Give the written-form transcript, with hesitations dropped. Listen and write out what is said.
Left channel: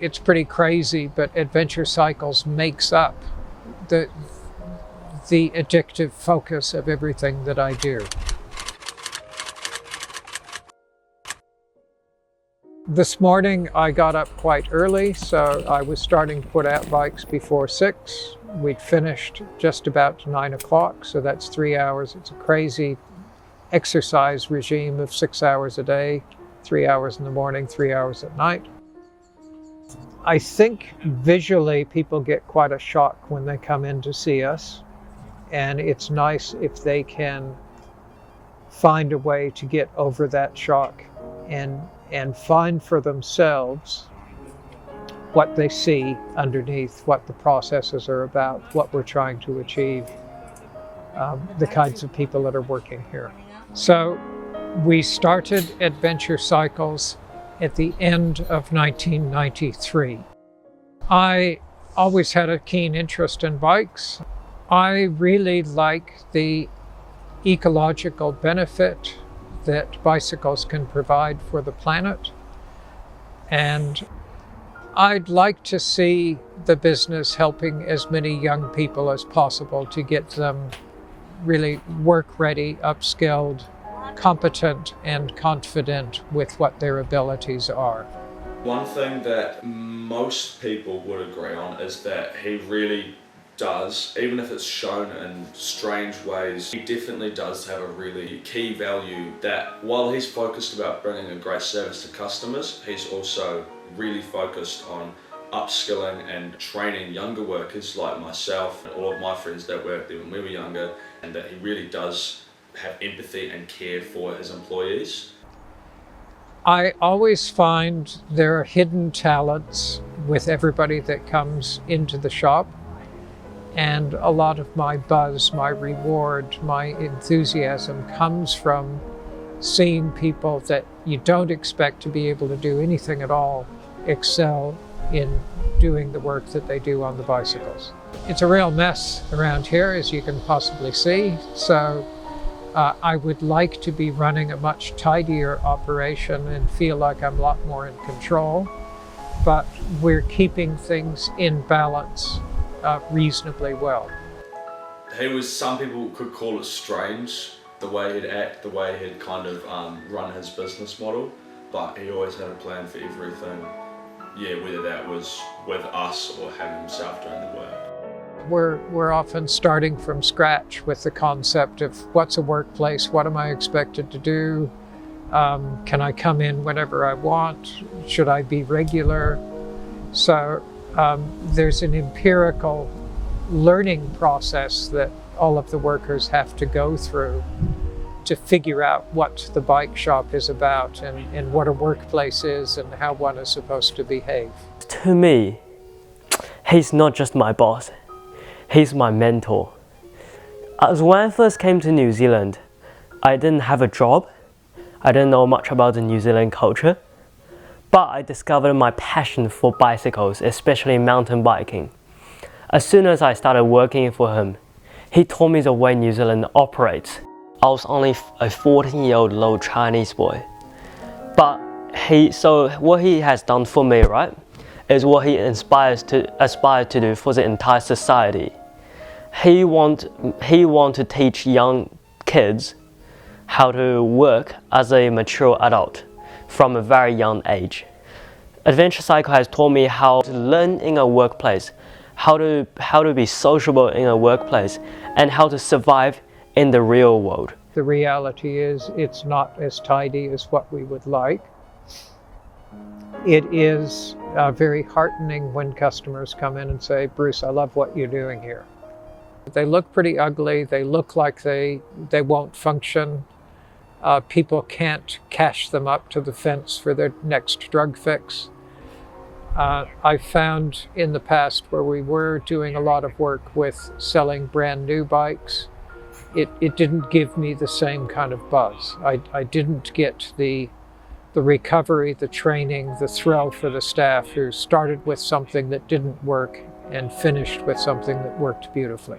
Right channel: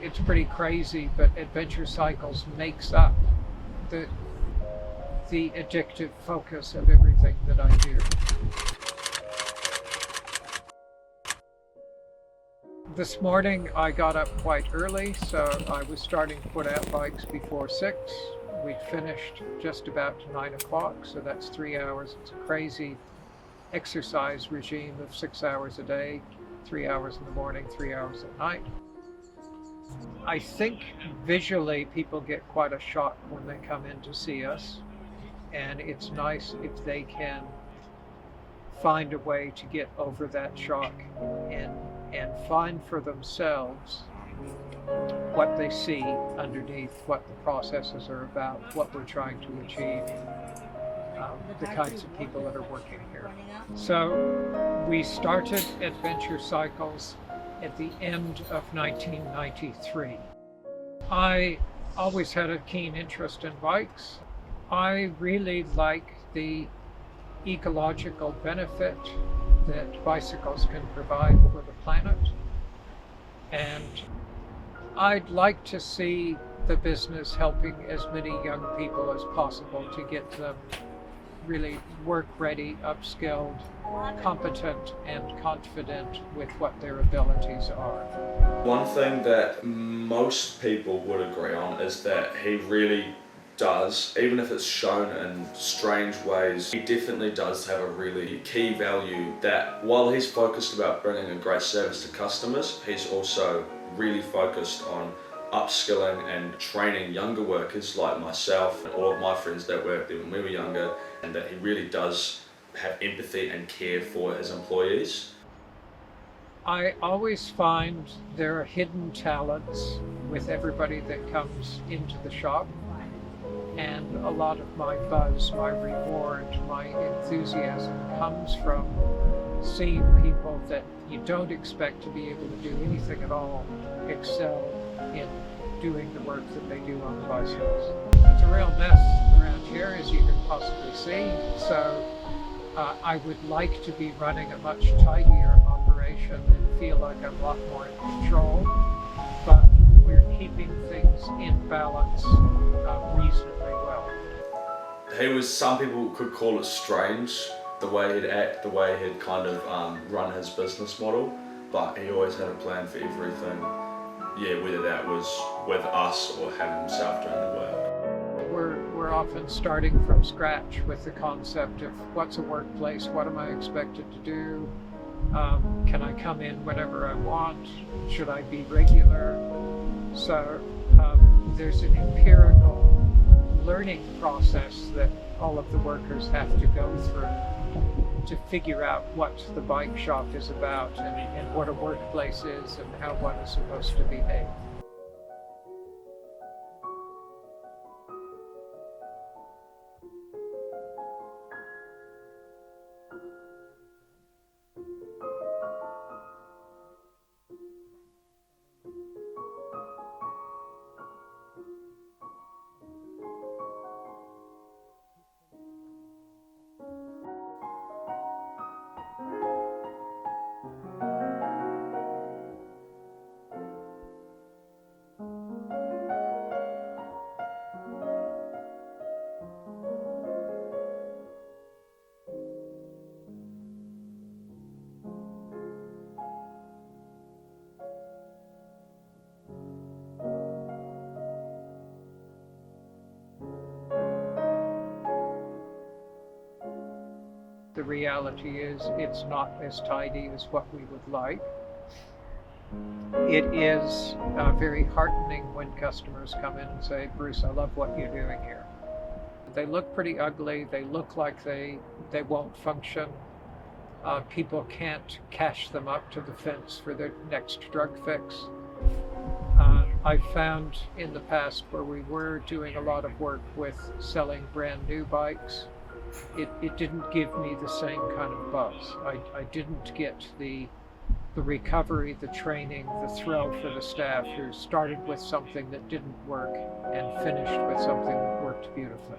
It's pretty crazy, but Adventure Cycles makes up the addictive focus of everything that I do. This morning I got up quite early, so I was starting to put out bikes before 6. We'd finished just about 9 o'clock, so that's 3 hours. It's a crazy exercise regime of 6 hours a day, 3 hours in the morning, 3 hours at night. I think visually people get quite a shock when they come in to see us, and it's nice if they can find a way to get over that shock and find for themselves what they see underneath, what the processes are about, what we're trying to achieve, the kinds of people that are working here. So we started Adventure Cycles at the end of 1993. I always had a keen interest in bikes. I really like the ecological benefit that bicycles can provide for the planet. And I'd like to see the business helping as many young people as possible to get them really work-ready, upskilled, competent, and confident with what their abilities are. One thing that most people would agree on is that he really does, even if it's shown in strange ways, he definitely does have a really key value that while he's focused about bringing a great service to customers, he's also really focused on upskilling and training younger workers like myself and all of my friends that worked there when we were younger, and that he really does have empathy and care for his employees. I always find there are hidden talents with everybody that comes into the shop. And a lot of my buzz, my reward, my enthusiasm comes from seeing people that you don't expect to be able to do anything at all excel in doing the work that they do on the bicycles. It's a real mess around here, as you can possibly see. So I would like to be running a much tidier operation and feel like I'm a lot more in control. But we're keeping things in balance reasonably well. Some people could call it strange, the way he'd act, the way he'd kind of run his business model, but he always had a plan for everything, whether that was with us or him himself doing the work. We're often starting from scratch with the concept of what's a workplace, what am I expected to do, can I come in whenever I want, should I be regular? So there's an empirical learning process that all of the workers have to go through to figure out what the bike shop is about and what a workplace is and how one is supposed to behave. To me, he's not just my boss, he's my mentor. As when I first came to New Zealand, I didn't have a job, I didn't know much about the New Zealand culture. But I discovered my passion for bicycles, especially mountain biking. As soon as I started working for him, he taught me the way New Zealand operates. I was only a 14-year-old little Chinese boy. But what he has done for me, right, is what he aspires to do for the entire society. He want to teach young kids how to work as a mature adult from a very young age. Adventure Cycle has taught me how to learn in a workplace, how to be sociable in a workplace, and how to survive in the real world. The reality is it's not as tidy as what we would like. It is very heartening when customers come in and say, Bruce, I love what you're doing here. They look pretty ugly, they look like they won't function. People can't cash them up to the fence for their next drug fix. I found in the past where we were doing a lot of work with selling brand new bikes, it didn't give me the same kind of buzz. I didn't get the recovery, the training, the thrill for the staff who started with something that didn't work and finished with something that worked beautifully.